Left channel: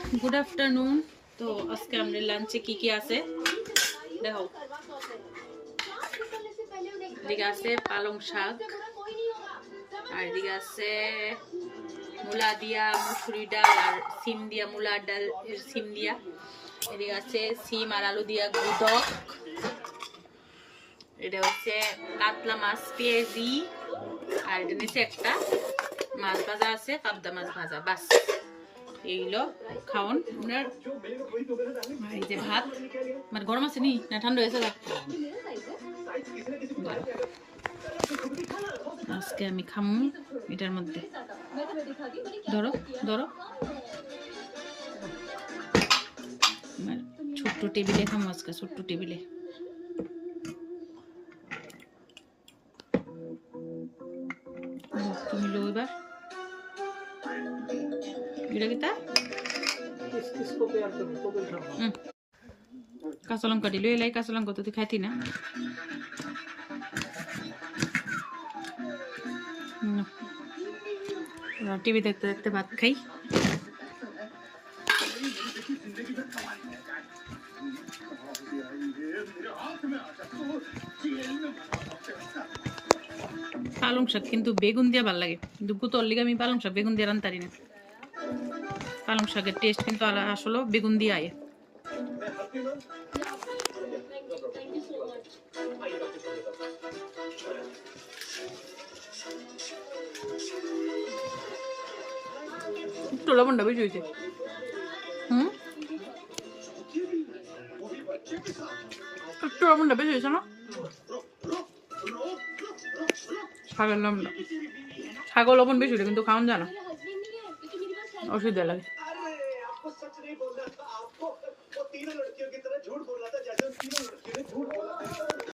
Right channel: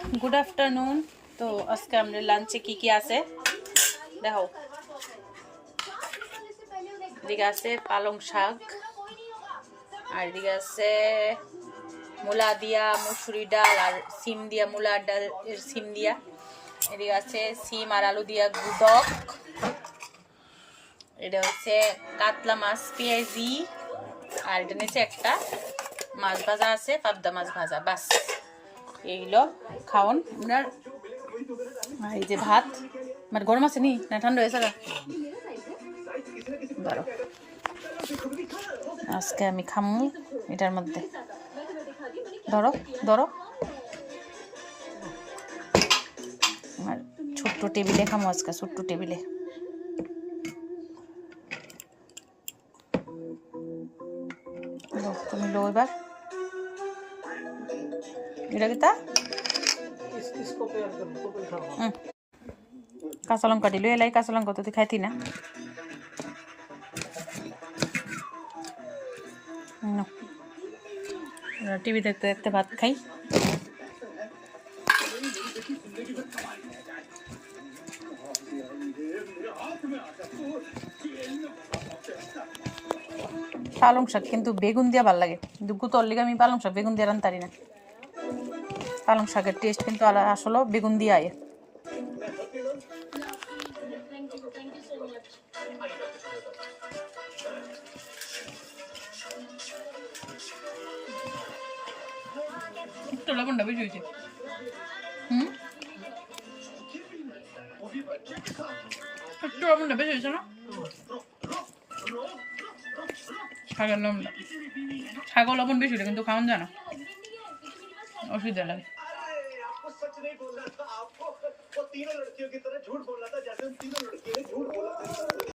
Good afternoon. तो आज के हमने लंचे की आसे देखो दिखे आसे पालंग शाक और दिखे आसे मूला दिया मसुरी डाल और सीम दिया मूला डाल सीम दिया एदिके आसे सीम और आलू दिया गुडक এটা হচ্ছে কাতলা মাছ পেঁয়াজি আর এটা নিচে একটা মাছ ভাজা আছে পাবদা মাছ ভাজা বাস এইলো খাওন আপনার এই যে ভাত আমার গরম আছে নি না ঠান্ডা হয়েছে গা ধরো আজকে আমি খামু এটার মধ্যে ধরো ধরো আমার ছোট্ট টেবিলে খামু আজকে ছোট্ট টেবিলে তুমি লো এবার এটা কি তা কাঁচা লঙ্কা দিল এলাই কাঁচা লঙ্কা তো তুই খাইতি না টিভি দেখতে দেখতে ভাত খাই পালং শাক কিন্তু বেগুন দিয়া ভাল লাগে কিন্তু গুতর লিগে আমি পালং শাক বেগুন দিয়ে রান্তারি না পালং শাকের টেস্ট কিন্তু আসলে বেগুন দিয়ে আয় একটু লবণটা বেশি হয়েছে একটু লবণটা বেশি হয়েছে না শাকের লবণটা শাকের লবণ বেশি হলে কিন্তু খাওয়ান যায় না অসুবিধা লাগে